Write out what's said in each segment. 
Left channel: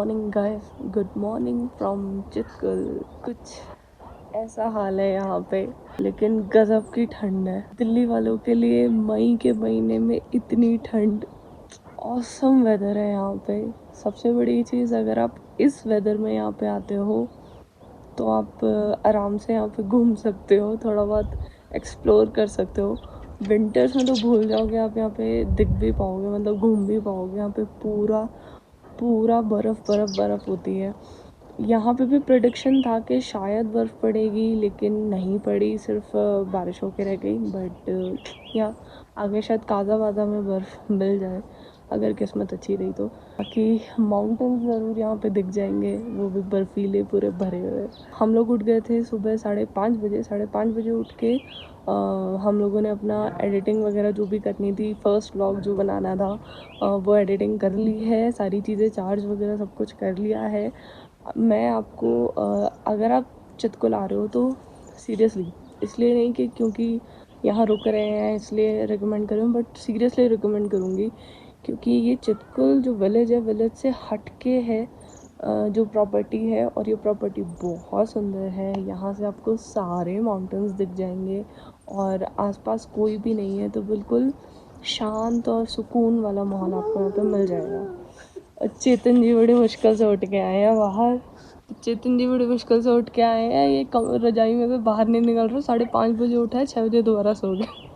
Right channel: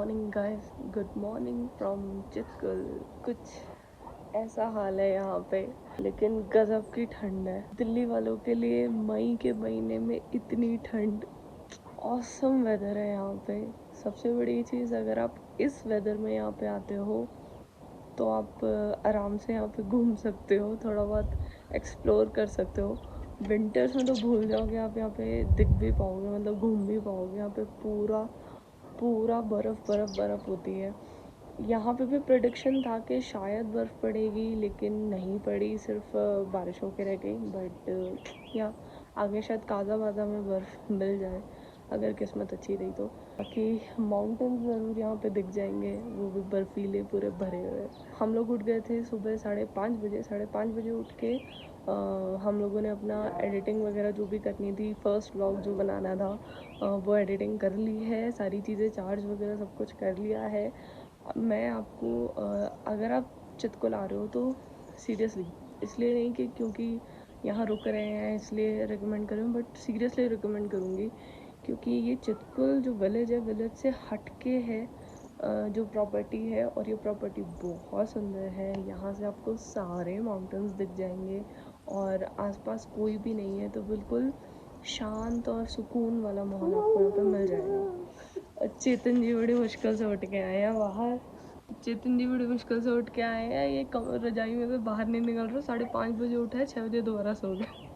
Morning guys, good morning from Chitkul. कुछ ऐसा हाल है यहाँ पे, लेकिन गजब की ठंड है। दिल्ली वालों के लिए मई के महीने में इतनी ठंड, ऑसम वेदर है यहाँ पे। सबसे बड़ी चीज़, अगर आप इस वेदर में यहाँ पे आते हो तो आप आराम से यहाँ पे घूम सकते हो, थोड़ा बहुत एक्सप्लोर कर सकते हो। विंटर्स में तो भूल जाओगे, आप यहाँ पे दिख भी पाओगे, मतलब घूम भी पाओगे। यहाँ पे पूरा पूरा बर्फ़ बर्फ़ बर्फ़ होती है। यहाँ पे भी प्रेडिक्शन था कि शायद बर्फ़ पड़ेगी, लेकिन नहीं पड़ी, सिर्फ बारिश होके रह गई। बट यहाँ आगे शायद काज़ा वाज़ा में बर्फ़ मिल जाए, अगर किस्मत अच्छी रही तो। बाकी माउंटेन्स ज़रूर यहाँ पे दिख जाएंगे, वो भी बर्फीले पूरे भरे हुए। हम लोग उठ गए थे सुबह 5:30 बजे। 5:30 बजे उठ के हम लोगों ने अपना एडिटिंग वगैरह जो भी करनी थी, फर्स्ट व्लॉग जो बनाना था, वो एडिटिंग कर ली है। सारी चीज़ें चार्ज वगैरह सब कुछ कर लिया है। मैं आपको अगर आप चितकुल आ रहे हो तो सीरियसली, इसलिए नहीं कि क्योंकि यहाँ रुक रहे हैं इसलिए रिकमेंड करूँ, बट सीरियसली रिकमेंड करूँगी, क्योंकि ये चितकुल जो विलेज है, विलेज से हट के है जो प्रॉपर्टी है, और ये प्रॉपर्टी बहुत सुंदर है। यहाँ से आपको सारे माउंटेन्स दिख जाएंगे और आसपास कोई भी नहीं है, तो बिल्कुल शांत और सुकून वाला माहौल आपको यहाँ पे मिल जाएगा। चेतन जी बड़ी मुश्किल से उठ के आए हैं बाहर। चेतन जी बड़ी मुश्किल से उठ के आए हैं, ये रजाई में से बाहर नहीं निकल रहे। 5:30 बजे उठा है, 6 बजे दोबारा सो गए।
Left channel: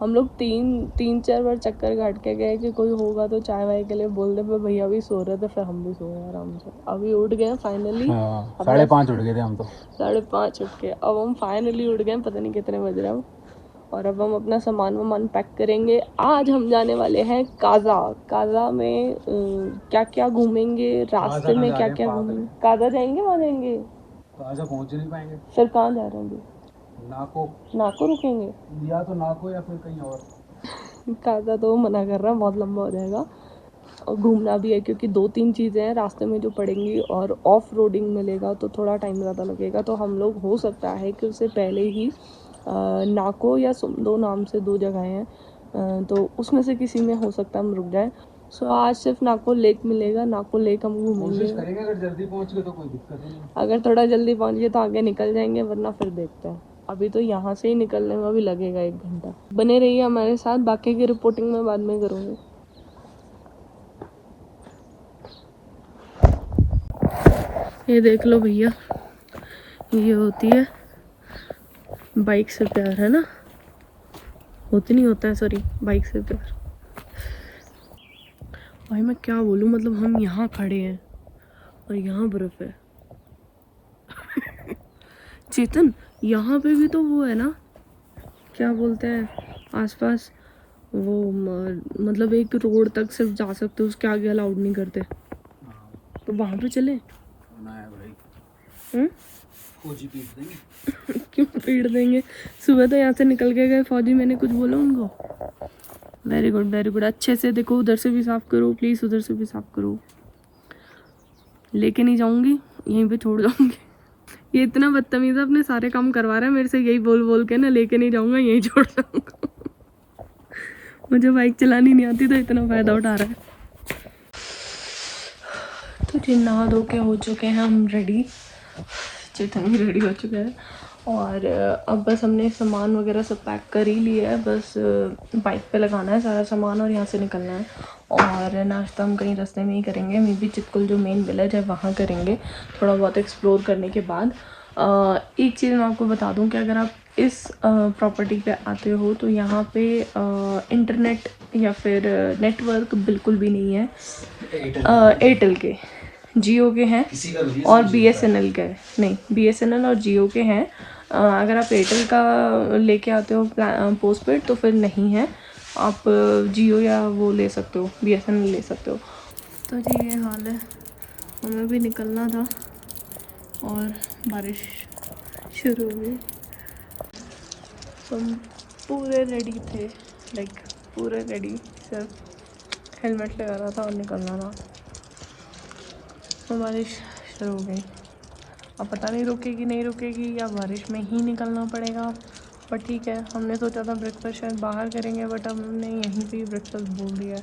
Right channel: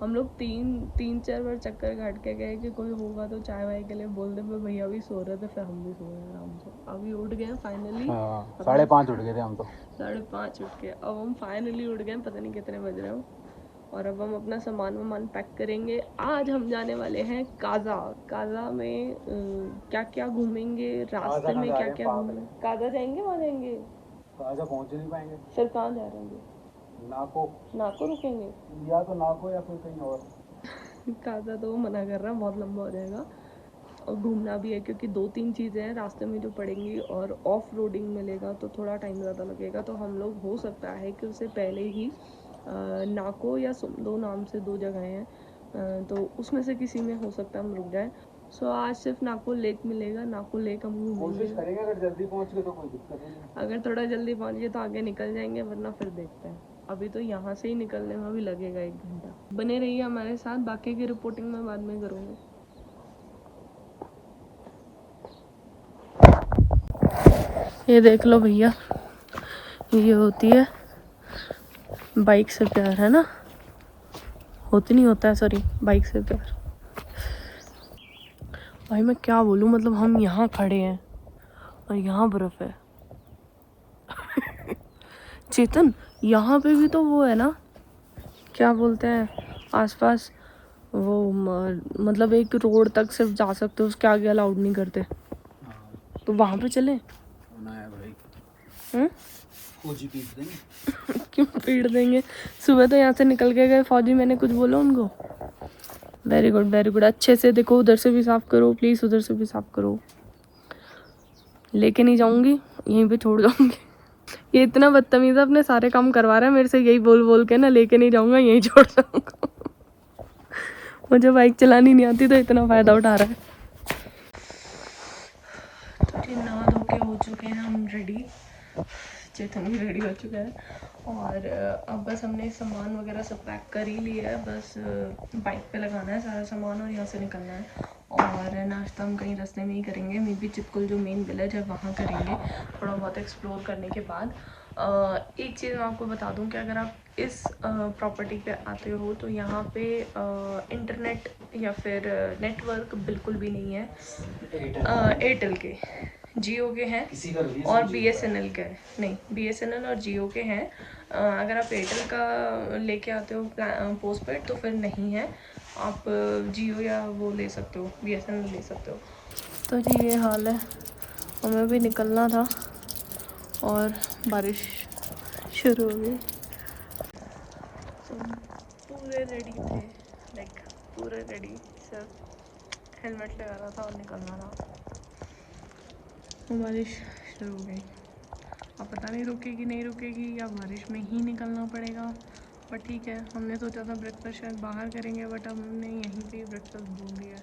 हम लोग तीन चार बार चक्कर काट के गए कि कोई होगा तो चाय वाय के लिए बोल दे, पर भैया भी सो रहे थे, फिर हम भी सो गए आराम से। अभी उठ गए फाइनली। 5:30 उठ गए थे हम तो। 5:30 उठ के अब हम फाइनली उठ गए, पता नहीं कितने बज रहे हैं। और अब हम अपना सामान पैक करेंगे। आज हम जाने वाले हैं काजा। काजा में क्या क्या घूमेंगे, रास्ते में क्या क्या घूमेंगे। काजा जाएंगे, वहाँ जाएंगे, काजा पहुंच नहीं पाएंगे। फिर कहाँ जा रहे हैं? नाको। नाको रुकेंगे, या तो नाको या फिर कहीं और। काजा तो मना कर रहा है, बहुत लंबा हो जाएगा। और घूमना भी है, क्योंकि 2-3 चीज़ें हैं रास्ते में जो पड़ेंगी, और ऑफ रोडिंग मिलेगा तो थोड़ा टाइम ज़्यादा लगेगा। तो हम लोग, हो सकता है कि उससे पहले ही नाको या सुमदो नाम से 2 जगह हैं, तो उसमें से किसी में हो सकता है हम रुक जाएं। सो आज सिर्फ नाको लेक मिलेगा, नाको लेक हम घूमेंगे। अगर जल्दी पहुंच गए तो कोई दिक्कत नहीं। अगर थोड़ा जल्दी पहुंच गए तो आगे निकल जाएंगे, वरना फिर देखते हैं। अभी तो यहाँ से ही निकलने में भी लगेगा 1 घंटा। बने रहिए हमारे साथ, बाकी की रिपोर्टिंग मैं बाद में करूँगी। ये देख लो भैया, ये होती है बाइक से प्यार, है ना? होती नहीं होता है, सॉरी, बाइक से प्यार। भाई मैं क्या बोलूँ, मतलब हम यहाँ खड़े हैं और यहाँ बर्फ है। चेतन, यहाँ पे भी तो वो है ना, क्या बोलते हैं, आसपास वो मतलब एक रोड तक सिर्फ जा सकते हो, उसके आगे अलाउड नहीं करते। तो वहाँ पे चले भाई। फौजी पीट देंगे। क्यों पीट देंगे? सुबह तो यहाँ से निकल के गए फौजी, मैंने कुछ बोला उनको? Very good very good. अच्छे से देखो, उधर से भी साफ करो प्लीज़, उधर से भी साफ करो। लेके नहीं जाऊंगी, यहीं पे छोड़ जाऊंगी। ये इतना बदतमीज है, अपने सारे काम करवा रहा है मेरे से, यही बोल बोल के ना, लेके नहीं जाऊंगा, यहीं छोड़ जाऊंगा। मुझे बाइक चलानी नहीं आती, तो इतना फ़ायदा उठा रहा है। तो जी नहा धो के हो चुके हैं हम रेडी, चेतन भी रेडी हो चुके हैं, और अब बस हमने सामान वगैरह सब पैक कर ही लिया है। बस बाइक पे लगाना है सारा सामान और यहाँ से निकलना है। और नाश्ता हम कहीं रास्ते में ही करेंगे, मे बी चितकुल जो मेन विलेज है वहाँ करेंगे, थोड़ा बहुत एक्सप्लोर करने के बाद। एक चीज़ मैं आपको बता दूँ कि अगर आप इस प्रॉपर्टी पे आते हो तो यहाँ पे इंटरनेट या फिर नेटवर्क बिल्कुल भी नहीं है। एयरटेल के, जियो के हैं, और BSNL के नहीं, BSNL और जियो के हैं। अगर आप एयरटेल का लेके आते हो पोस्ट पेड तो फिर नहीं है, आप जियो या वो ले सकते हो, BSNL ले सकते हो। तो जी ये हाल है, हमें भी निकलना था और बारिश शुरू हो गई। हम पूरे रेडी थे, लाइक पूरे रेडी, सिर्फ हेलमेट लगाना था और निकलना था। तो बारिश शुरू हो गई। अब पता नहीं रुकेगी नहीं रुकेगी, या बारिश में ही निकलना पड़ेगा। पर ठीक है, हमने सोचा था ब्रेकफास्ट शायद बाहर करेंगे, बट हमने यहीं पे ही ब्रेकफास्ट बोल दिया है।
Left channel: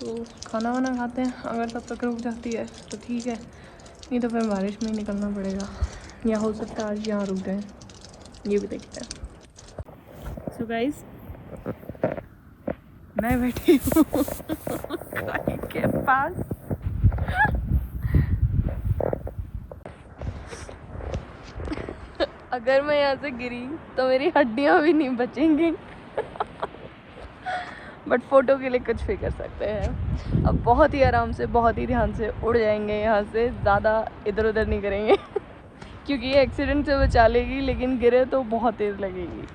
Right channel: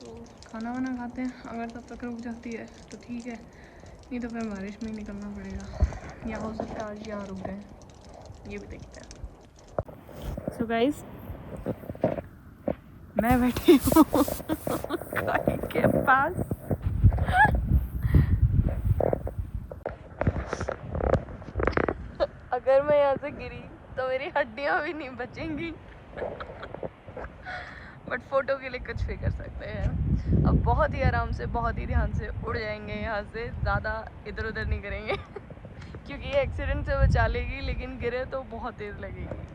तो खाना वाना खाते हैं, अगर तब तक रुक जाती है तो ठीक है, नहीं तो फिर बारिश में ही निकलना पड़ेगा, या हो सकता है आज यहाँ रुक गए, ये भी देखते हैं। सो गाइस, मैं बैठी हूँ गाड़ी के पास। अगर मैं यहाँ से गिरी तो मेरी हड्डियाँ भी नहीं बचेंगी। बट फोटो के लिए कुछ भी कर सकते हैं। अब बहुत ही आराम से, बहुत ही ध्यान से उड़ जाएंगे यहाँ से, ज़्यादा इधर उधर नहीं करेंगे क्योंकि ये एक्सीडेंट से बचा लेगी, लेकिन गिरे तो बहुत तेज़ लगेगी।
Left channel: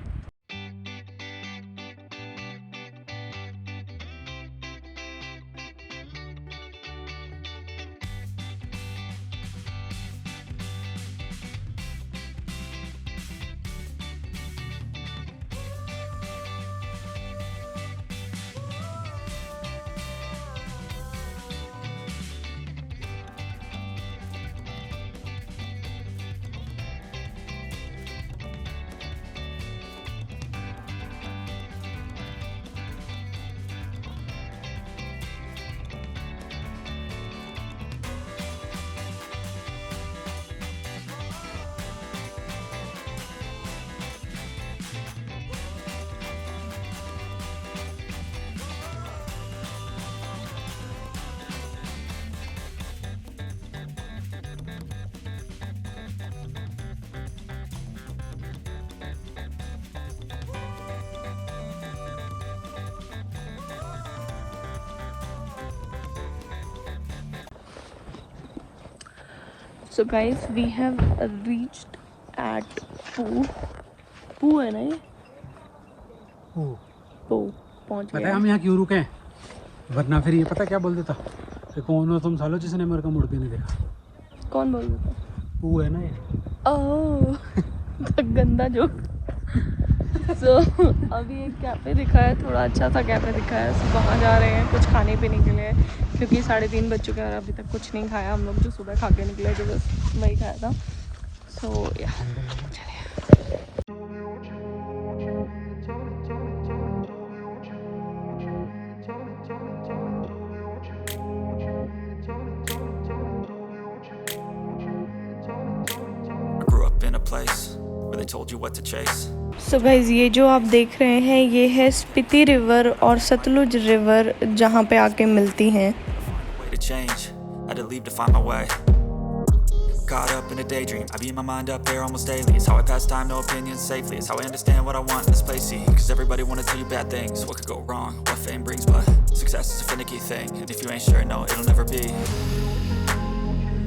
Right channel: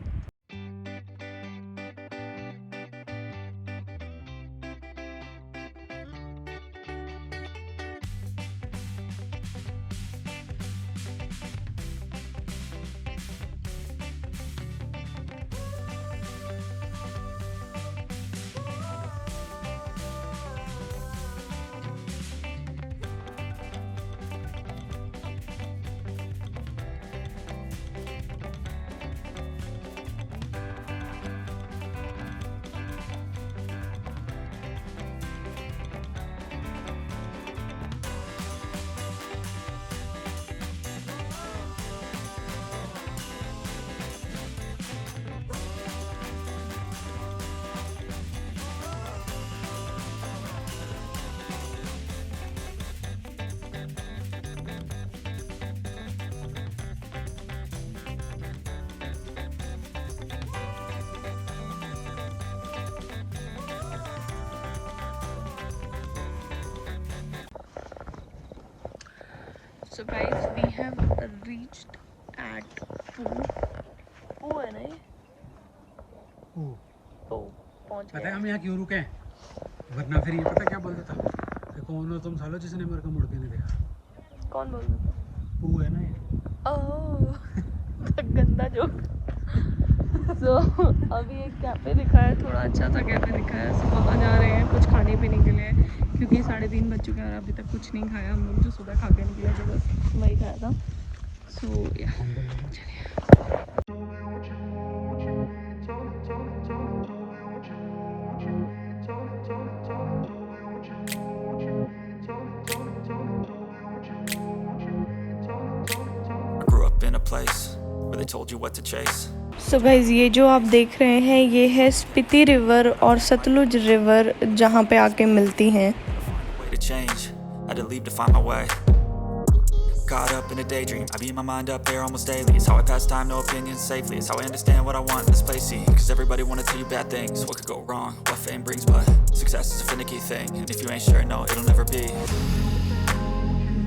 So guys, we have reached at पू है ना ये? पू पहुंच पता गए। है हम यहाँ क्यों रुके हैं? वरना फिर ये पता क्या बोल देता कि कौन हो तुम सालो जिसने मेरे को मुड़ के नहीं देखा। कौन बोल रहा था? वो है ना ये। ओह गंदा जोक। So अभी एक कैफ़े दिखा है, थोड़ा अच्छा सा कैफ़े दिखा है, so वहाँ जा रहे हैं कुछ खाने पीने के लिए, क्योंकि 3:30 बज चुके हैं और अभी तक कुछ नहीं खाया हम लोग। जो सुबह खा के निकले जो बस वही खाया था। सो या Grew up in a place where they told you what to chase. So guys, ये जो आप देख रहे हैं ये है स्पीति रिवर और सतलुज रिवर जहाँ पे आके मिलती हैं। Way to change, had to leave to find my way. Caught up in a daydream, I beat my mind up there almost daily. It's how I pass time, no opinions safely. It's how I understand what I want in this place, see. Cause everybody wanna tell you bad things, what could go wrong, what fame brings. But success is a finicky thing, and if you ain't sure, no, it'll never be.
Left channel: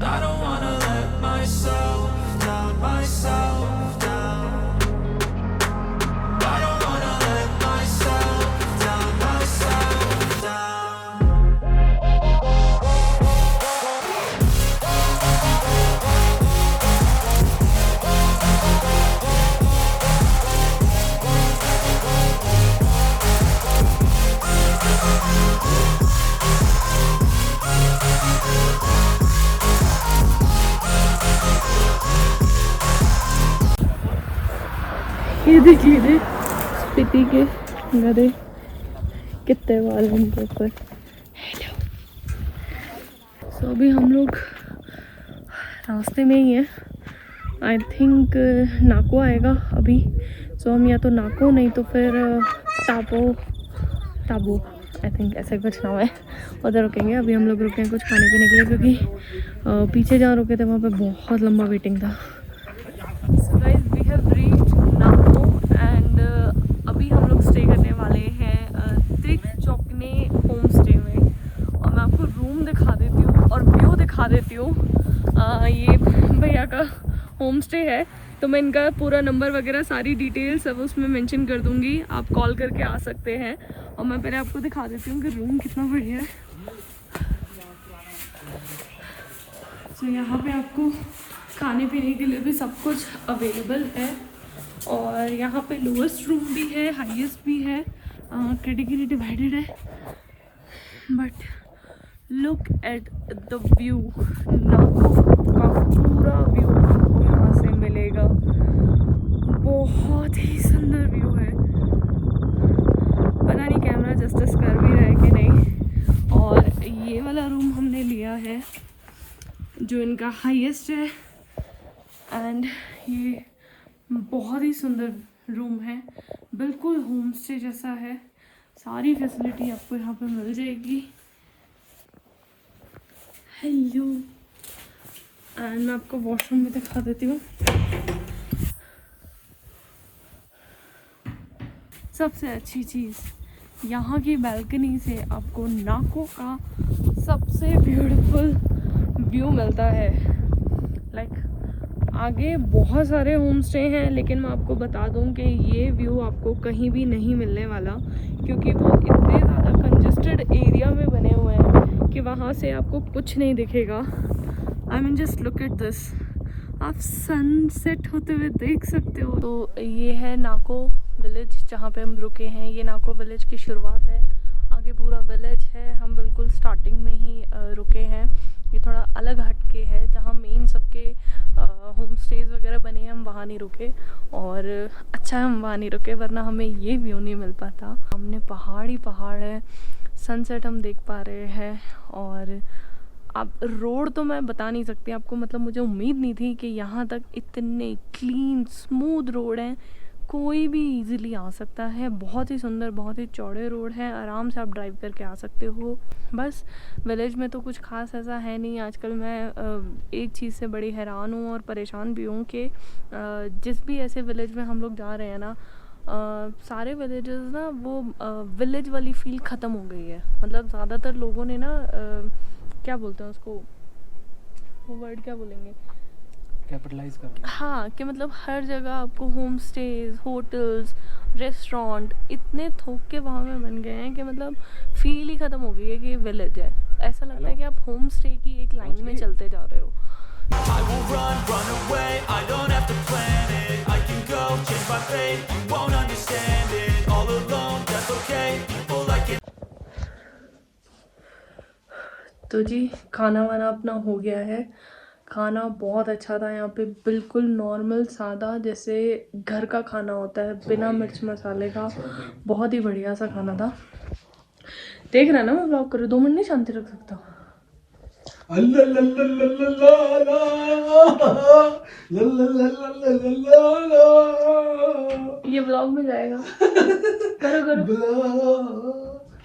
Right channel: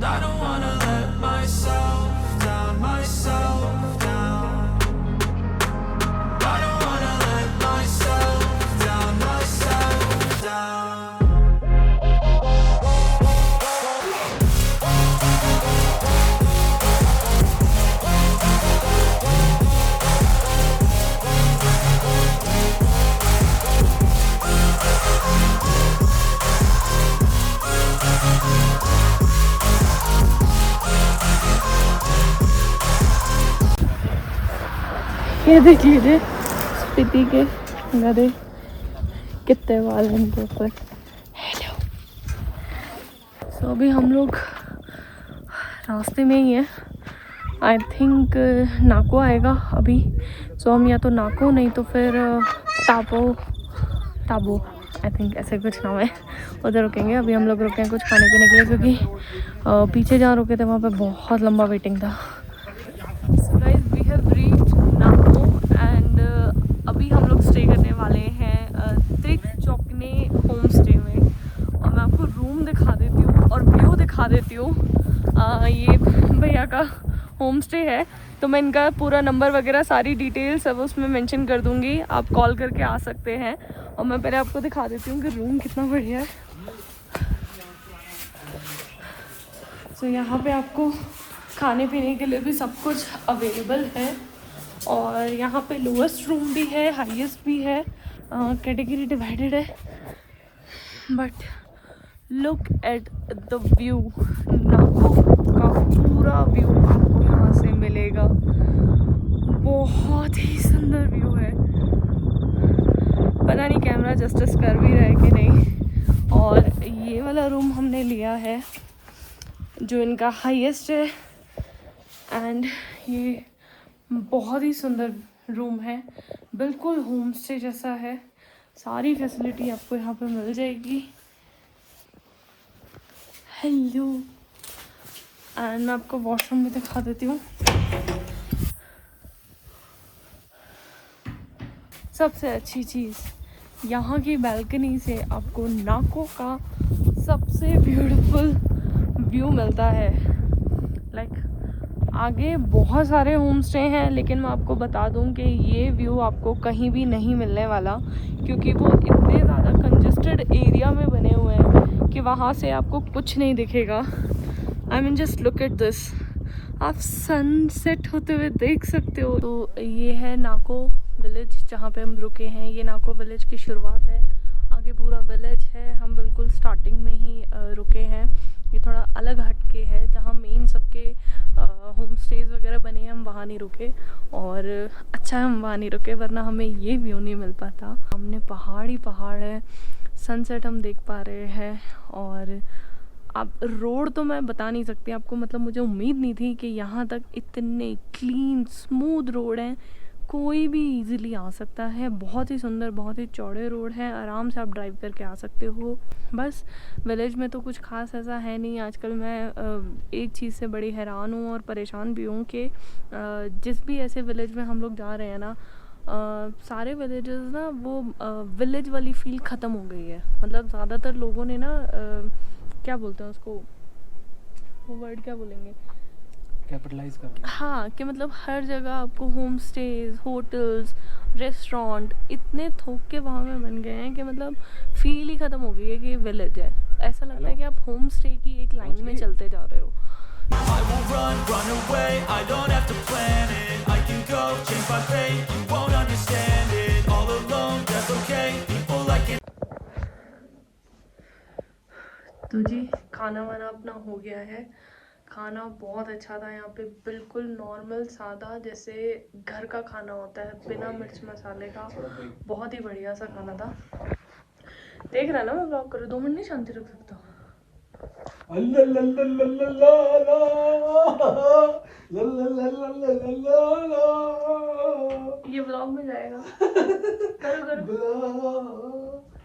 I don't wanna let myself down, myself down. I don't wanna let myself down, myself down. ये देख लीजिए स्पीति के गधे कितने वाल हैं इनके ऊपर। हेलो। सो अभी हम लोग रास्ते में ही हैं। आई थिंक नाको आएगा अभी, सो हम या तो नाको नहीं तो फिर ताबो आई थिंक ऐसे कुछ नाम है, उधर रुकेंगे। अभी हम लोग रुके हैं कुछ खाने पीने के लिए, क्योंकि पीछे जहाँ रुके थे वहाँ पे बहुत लंबा वेटिंग था। So guys, we have reached Nako and अभी हम लोग स्टे करने वाले हैं त्रिक चौकने होम स्टे में, और मैं आपको रूम दिखा देती हूँ और व्यू दिखा देती हूँ। ये भैया का होम स्टे है, तो मैं इनका पूरा नंबर वगैरह सारी डिटेल्स सब उसमें मेंशन कर दूँगी, आप कॉल करके आ सकते हैं। और मैं पहले आपको दिखा देती हूँ कि रूम कितना बढ़िया है। तो यहाँ पे आपको खाने पीने के लिए भी सब कुछ अवेलेबल है, और यहाँ पे लोएस्ट रूम भी है, हाईएस्ट भी है, कैटेगरी डिवाइडेड है। But look at the view, नाको का पूरा व्यू आपको यहाँ से मिलेगा। बहुत ही सुंदर व्यू है, पता नहीं कैमरा जस्टिस कर भी रहा है कि नहीं। और जो इनका हाईएस्ट है। एंड ये बहुत ही सुंदर रूम है, बिल्कुल होम स्टे जैसा है। सारी फैसिलिटी आपको यहाँ पे मिल जाएगी। हेलो, एंड मैं आपको वॉशरूम भी दिखा देती हूँ। सबसे अच्छी चीज़ यहाँ की बालकनी से आपको नाको का सबसे ब्यूटीफुल व्यू मिलता है। आगे बहुत सारे होम स्टे हैं, लेकिन मैं आपको बता दूं कि ये व्यू आपको कहीं भी नहीं मिलने वाला, क्योंकि वो इतने ज़्यादा कंजेस्टेड एरिया में बने हुए हैं कि वहाँ से आपको कुछ नहीं दिखेगा। I mean just look at this, आप सनसेट होते हुए देख सकते हो। तो ये है नाको विलेज जहाँ पे हम रुके हैं। ये नाको विलेज की शुरुआत है, आगे पूरा विलेज है। हम बिल्कुल स्टार्टिंग में ही रुके हैं। ये थोड़ा अलग हटके है, जहाँ मेन सबके होम स्टेज वगैरह बने हैं, हम वहाँ नहीं रुके। और अच्छा है हम वहाँ नहीं रुके, वरना हमें ये व्यू नहीं मिल पाता। हमने पहाड़ ही पहाड़ है, सनसेट हम देख पा रहे हैं। और अब रोड तो मैं बता नहीं सकती आपको, मतलब मुझे उम्मीद नहीं थी कि यहाँ तक इतने क्लीन स्मूथ रोड हैं, कोई भी इजीली आ सकता है। बहुत ही सुंदर, बहुत ही चौड़े रोड हैं, आराम से आप ड्राइव करके आ सकते हो। बस विलेज में तो कुछ खास ऐसा है नहीं। आजकल मैं एक चीज़ से बड़ी हैरान हूँ और परेशान भी हूँ कि जिस भी ऐसे विलेज में हम लोग जा रहे हैं ना, सारे विलेजेस ना वो विलेज वाली फील ख़त्म हो गई है। मतलब ज़्यादातर लोगों ने ना क्या बोलते हैं उसको, वो वर्ड क्या बोलेंगे, कैपिटलाइज कर रहे हैं। हाँ, कि मतलब हर जगह आपको होम स्टेज, होटल्स, रेस्टोरेंट इतने थोक के वहाँ में बन गए हैं कि मतलब फील ही ख़त्म हो गई है कि ये विलेज है। ऐसा लगता है कि आप होम स्टे की एक लाइन में चलते जा रहे हो। I will run away, I don't have to plan it. I can go, change my fate, you won't understand it. All alone, that's okay, people like it. तो जी खाना वाना अपना हो गया है। खाना बहुत अच्छा था यहाँ पे, बिल्कुल नॉर्मल सादा जैसे घर का खाना होता है, बिना मिर्च मसाले का। बहुत ही बढ़िया सा खाना था। देख रहा है ना, मैं ब्लॉग करूँ, 2 मिनट नहीं शांति रख सकता। ये ब्लॉग में जाएगा। करो करो करो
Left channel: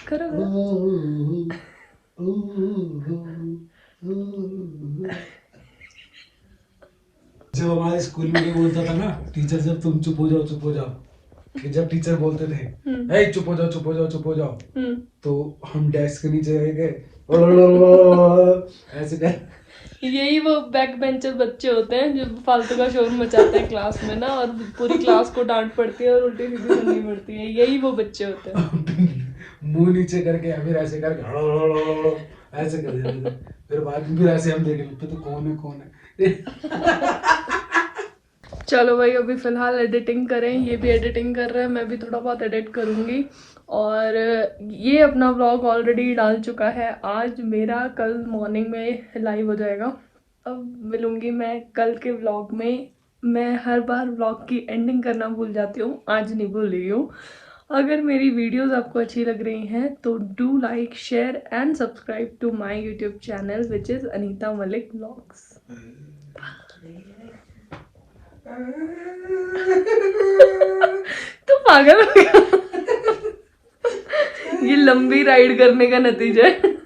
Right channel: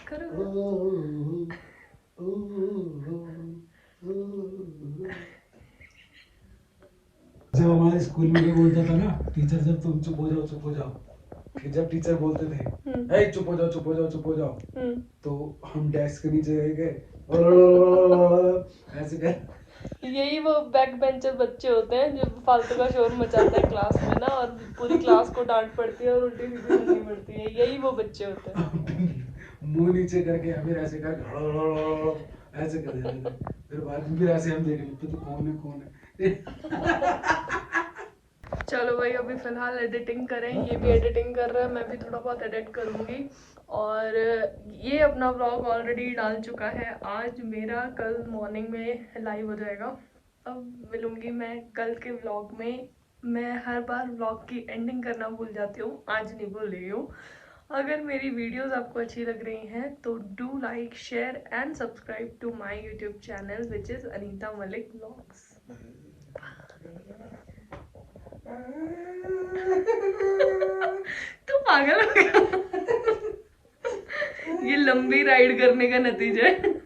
करो। जब हमारे स्कूल में ये बोलता था ना टीचर, जब तुम चुप हो जाओ, कि जब टीचर बोलते थे ए चुप हो जाओ, तो हम डेस्क के नीचे रह गए ऐसे कर। यही वो बैक बेंचर बच्चे होते हैं जो फालतू का शोर मचाते हैं क्लास में ना, और पूरी क्लास को डांट पड़ती है और उल्टी सीधी सुननी पड़ती है। यही वो बच्चे होते हैं। मुंह नीचे करके या फिर ऐसे कर ऐसे कर देते थे। फिर बाद में फिर ऐसे हम देख लेते तो कौन है। चलो भाई, अभी फ़िलहाल एडिटिंग करें। ये भी एडिटिंग कर रहा है, मैं भी थोड़ा बहुत एडिट करूँगी। और ये अपना व्लॉग ऑलरेडी डाल चुका है आज मेरा, कल मॉर्निंग में लाइव हो जाएगा। अब मिलूँगी मैं कल के व्लॉग में। मैं हर बार व्लॉग की एंडिंग करना भूल जाती हूँ, आज नहीं भूल रही हूँ। अगर मेरी वीडियोस आपको अच्छी लग रही हैं तो do like, share and subscribe to my YouTube channel which is Anita Malik vlogs. तू पागल हो गया। ये लंबी राइड करने का नतीजा है।